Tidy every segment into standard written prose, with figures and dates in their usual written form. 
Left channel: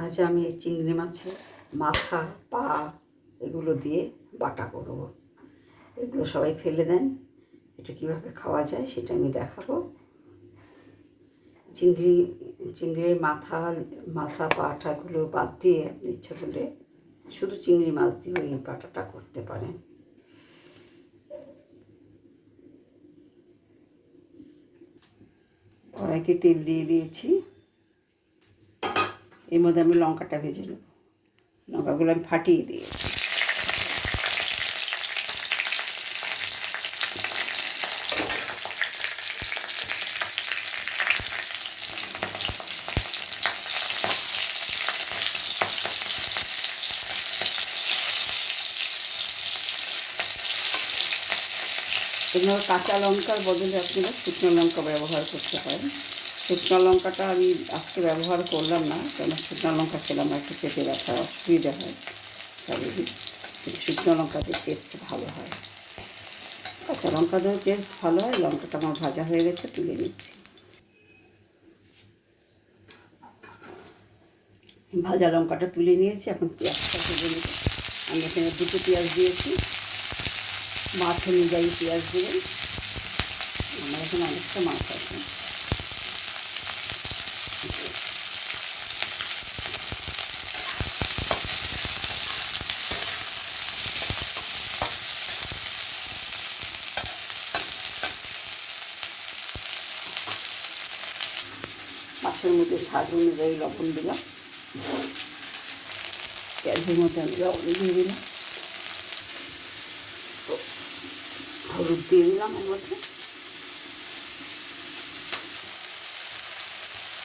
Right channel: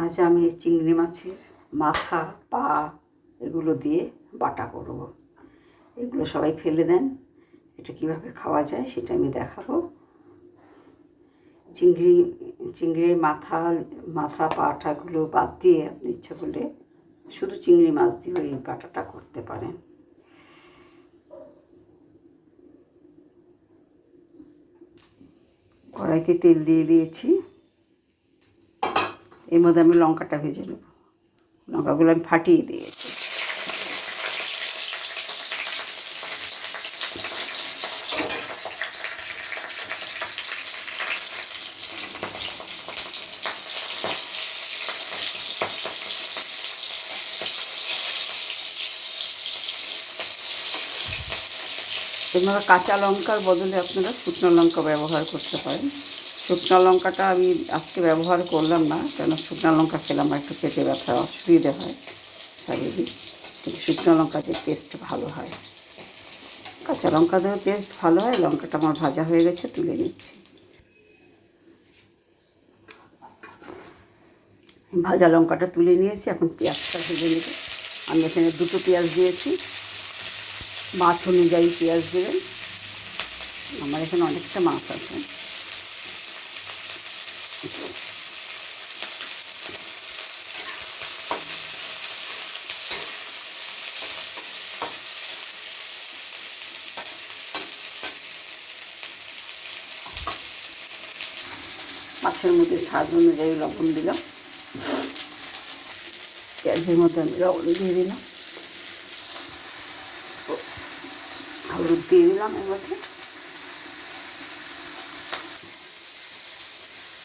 আজ আমি চিংড়ি মাছের মাথা পা এগুলো দিয়ে বাটা করব। এগুলো সবাই ফেলে দেন, এটা কিভাবে খাওয়া যায় সেটা আমি দেখাবো। চিংড়ির মাথা পাটাগুলো বাদ দিয়ে আপনি ইচ্ছা করলে শুধু চিংড়ি মাছ দিয়ে এই বাটাটা করতে পারেন। কড়াইতে তেল দিয়ে দিয়েছি, এর মধ্যে আমি লঙ্কাটা ভেজে নেব। লঙ্কাগুলো আমি ফাটিয়ে দিয়েছি। এবার কাঁচা লঙ্কার বদলে আপনারা শুকনো লঙ্কা ব্যবহার করতে পারেন। শুকনো লঙ্কাটা আমি আজকে ব্যবহার করলাম না, কেন শুকনো লঙ্কা খেলে আমার একটু পেটে ব্যথার অসুবিধে হয় শারীরিক, কিন্তু শুকনো লঙ্কাতে টেস্ট ভালো হয়। কাঁচা লঙ্কাতেও টেস্ট ভালো হয়। লঙ্কাটা আমার ভাজা হয়ে গেছে, তুলে নিচ্ছি। ভাজা লঙ্কাটা তুলে নিয়েছি, এখন পেঁয়াজটা ভেজে নেব। আমি এখানে 2টো পেঁয়াজ দিয়েছি, মাছ অনুযায়ী পেঁয়াজ দেবেন। আমার এখানে অনেকটা মাছ আছে। মাছের মধ্যে স্বাদ অনুযায়ী লবণ দিলাম, পেঁয়াজের মধ্যে আমি লবণ দিয়ে দিলাম, হলুদ দিয়ে দিলাম, এর মধ্যে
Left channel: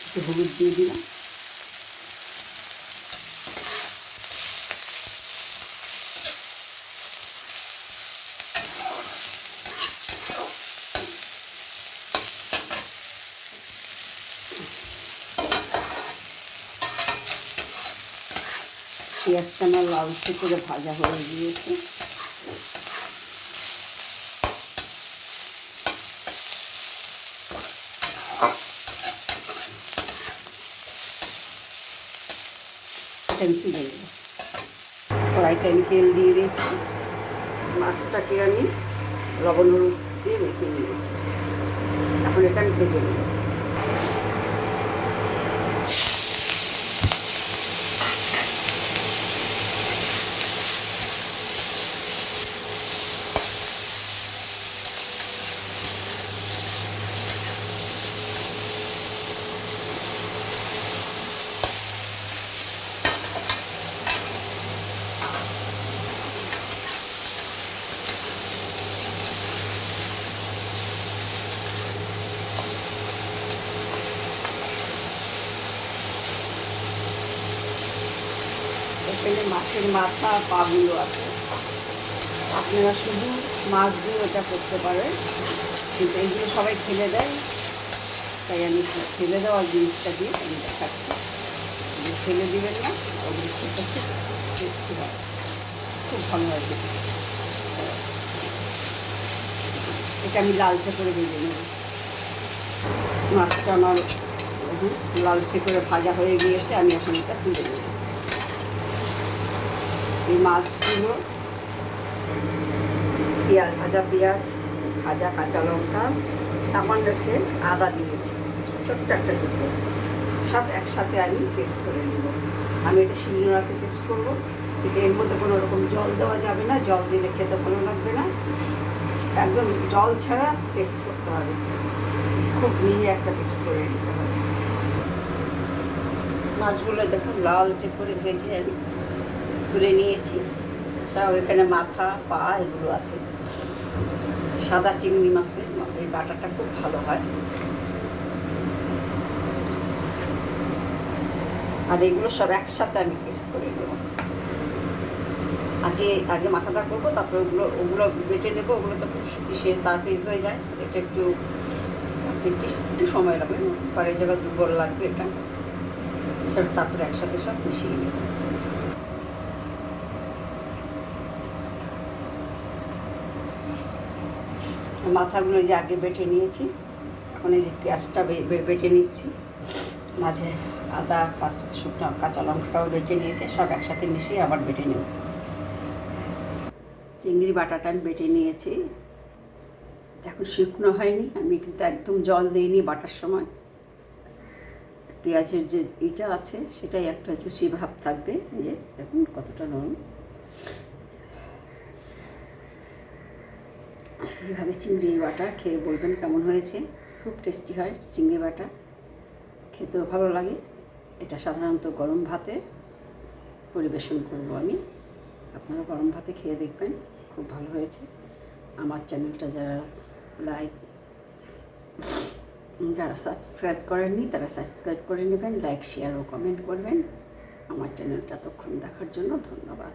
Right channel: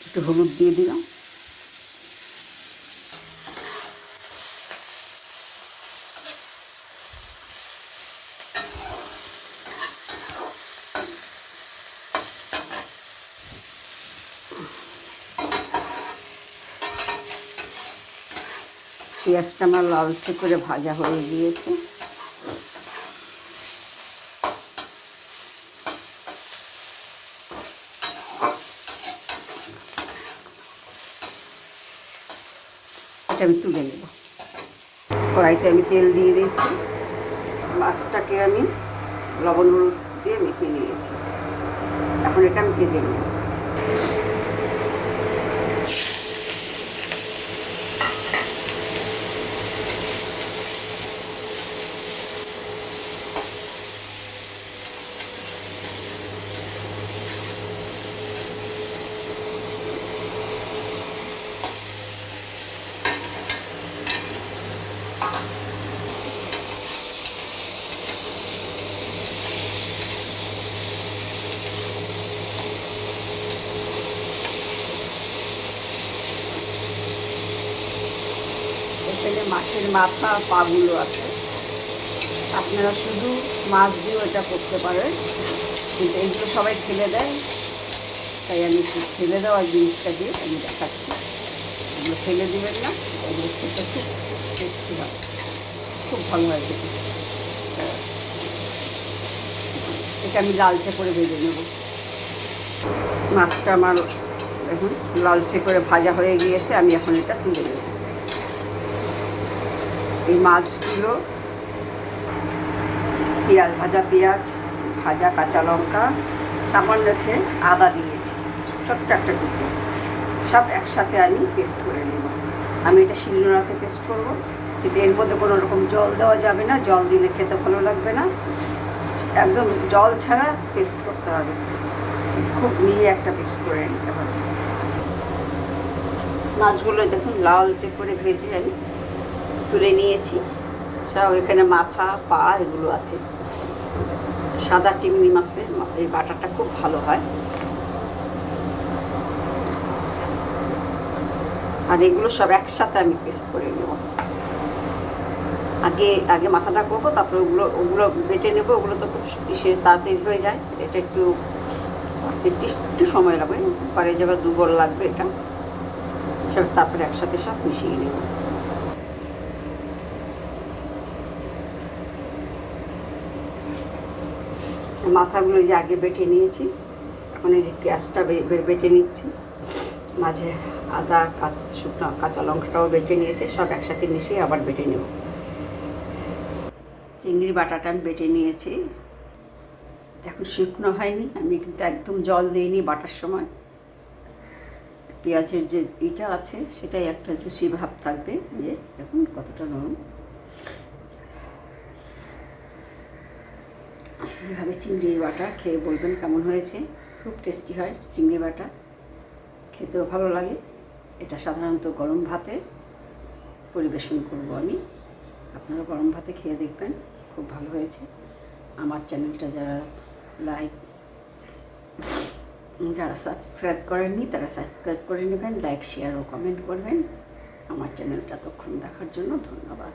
একটু হলুদ দিয়ে দিলাম। পেঁয়াজটা আমার লালচে করে ভাজা হয়ে গিয়েছে। এটা আমি তুলে নেব। কড়াইতে আমি তেল দিয়ে দিয়েছি, মাছটাকে আমি লবণ হলুদ দিয়ে মেখে নিয়েছি। এখন এটা আমি ভেজে নেব। এখানে মাছের মাথা পাগুলো আছে, আপনারা শুধু মাছ দিয়েও এটা করতে পারেন, কিন্তু এগুলো সবাই ফেলে দেয়, তাই আমি ফেলে দেওয়ার জিনিসটা দিয়ে আমি দেখাচ্ছি। এগুলো ফেলে দিবেন না, ওগুলো খেতে খুব টেস্টি হয়, খুব ভালো হয় খেতে। এটা আমি লালচে করে ভেজে নেব। মাছটা আমার এখন লালচে করে ভাজা হয়ে গিয়েছে, আমি এখন এটা তুলে নেব। এই মাছগুলো ভাজা পেঁয়াজ, ভাজা কাঁচা লঙ্কা, সামান্য রেখে আদা দিয়েছি, ছোট্ট একটা টুকরো, সব একসাথে আমি পেস্ট করে নেব। আমি এটা শিলনোড়াতে পেস্ট করবো, কিন্তু এর মধ্যে কোনো রকম জল দেওয়া যাবে না, জল দিলে খেতে ভালো লাগবে না। একদম জল ছাড়া পেস্ট করতে হবে, খুব মিহি একটা পেস্ট করে নিতে হবে। মাছগুলো দেখুন লালচে করে ভেজে আমি তুলে নিয়েছি। সব এখানে মাথা পা এগুলো আছে। সাদা চিংড়ি মাছের এই বাটাটা খুব ভালো হয়। আর এগুলো সব একসাথে আমি পেস্ট করে নেব। আগে মাথাটা করবো, তারপরে ওগুলো বেটে নেবো। ওগুলো তো খুব তাড়াতাড়ি হয়ে যায়, এটা একটু সময় লাগবে, পরে এই জায়গায় দুর্বল লাগবে এটা সব, তারপরে একসাথে সব মিশিয়ে নেব। মাথাগুলো যে আগে বেটে নিয়েছি, এখন এই যে পেঁয়াজটা বেটে নিচ্ছি, মাঝে আদা শুকনো কাঁচা লঙ্কাটাও বেটে নিয়েছে, সব একসাথে মিশিয়ে আবার বেটে নেব। চিংড়ির বাটাটা আমি বেটে নিয়েছি, দেখো শুকনো হয়নি, আমি কিন্তু একদম জল দিইনি বাটার সময়। পেঁয়াজের যে এটা আছে সেটাই একটা জুসি ভাব থাকবে। যে দেখুন কতটা নরম। এইভাবে চিংড়ি বাটা খেয়ে বলবেন কেমন হয়েছে। খুব টেস্টি হয় চিংড়ি বাটা, খেতেও ভালো লাগে। এটা সাধারণত গরম ভাতে পরিবেশন করব আমি, আপনারা গরম ভাতে খেয়ে দেখবেন, খুব ভালো হয়েছে। আমার চ্যানেলটা যারা সাবস্ক্রাইব করেননি তারা সাবস্ক্রাইব করে নেবেন, লাইক শেয়ার ও কমেন্ট করবেন। আমার চ্যানেলটা ততক্ষণ দেখার জন্য ধন্যবাদ।